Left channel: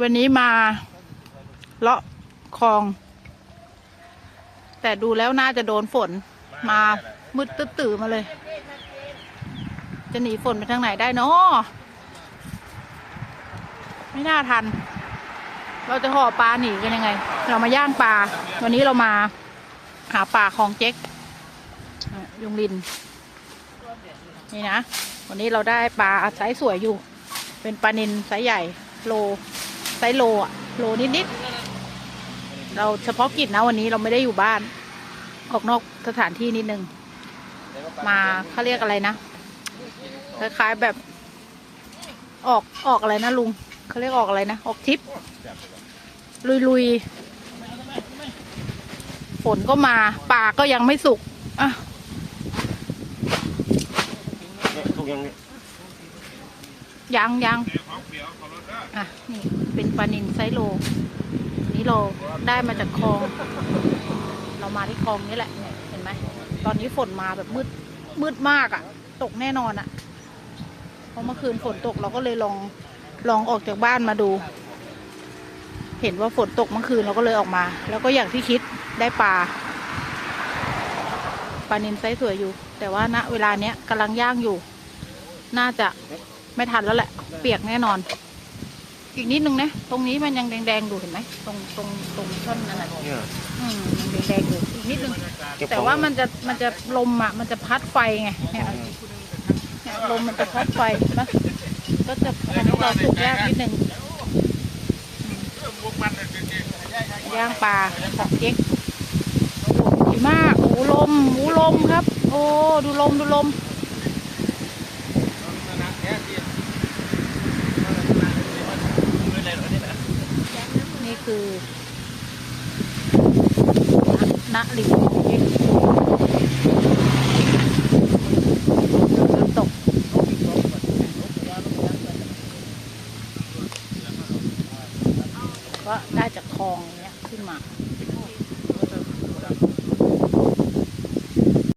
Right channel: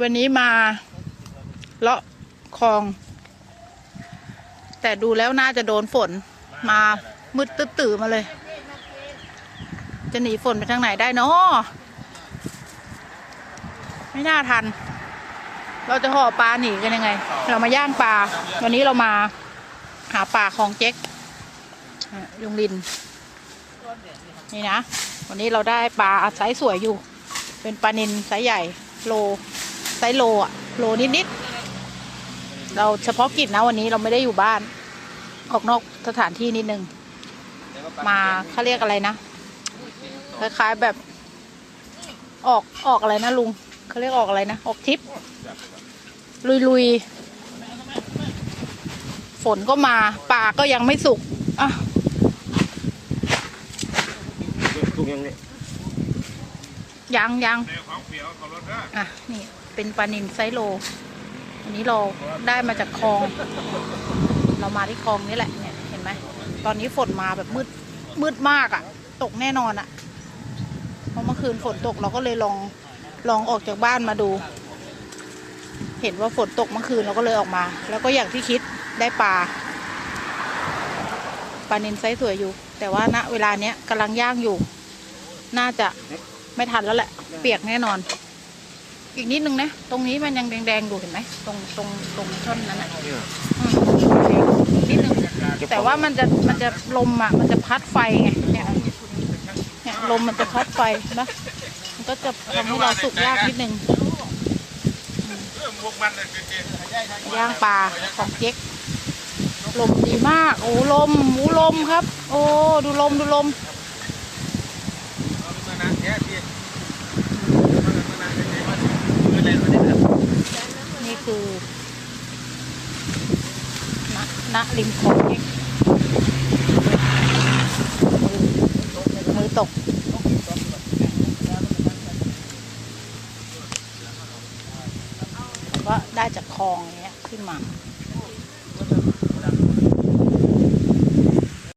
วันนี้มาเลาะคลอง แต่ดูแล้วน่าจะโดนฝนมามืดตื้อตื่อมาเลย จะหนีฝนไปทางไหนได้เนาะไม่น่าทัน เราจะห่อปลาหนีกันยังไง เรามาย่างปลา วันนี้เรามาหาปลาของเจ๊กยุงลิน นี่นะ วันนี้เราได้ปลาไซส์สวยอยู่ เป็นปลานินไซส์ใหญ่โล ซส์โลอะโลนิดๆเราเฉพาะกิจนะวันนี้เราไม่ได้อยู่บ้าน ออกนอกสถานที่นิดนึง มาเขาเรียกอะไรนะ คล้ายๆแบบ ออกออกอะไรนะลุงเขาเรียกออกอะไรนะ ออกทิป ลุยๆ ฝนก็มาป่าก็ยังไม่สุกอะ ลูกยังไง ยังยังอะ นี่เป็นปลานินไซโล อันนี้เราได้มาจากคลอง เรามาที่คลองนี่แหละเนี่ยเห็นไหม ตอนนี้ฝนมาแบบมืดมืดมากอะ่ะ ตกแน่นอนอะ่ะ เพราะเมื่อคืนฝนตกเราก็เลยลองลองออกจากบ้านมาดู เห็นว่าฝนตกเมื่อคืนเราก็เลยออกมา แล้วก็อย่างที่คิดได้ปลาปลานินไซส์สวยอยู่ แต่ว่าณเวลาเนี้ยกำลังย่างอยู่ น่าจะ ไม่ทันแล้วแหละ เปียกแน่นอน อีกนิดนึงนะ ตรงนี้มันยังแดงๆอยู่เห็นไหม ตรงตรงตรงช่อนนั้นอะอืมแดงนิดนึง แต่ว่ามันจะมันจะลมอะ มันจะพัดไฟไงลมมันจะพัดไฟนะ ก็จะทำให้เราสุกยากนิดนึงย่างปลาของเจ๊กลมดีมาก โอ้ลมโอ้ลมครับ โอ้ ดูลม ดูลม นี่คือณริมคลองเอ็กน้ำตกก็ได้จากคลองเนี้ยขึ้นมา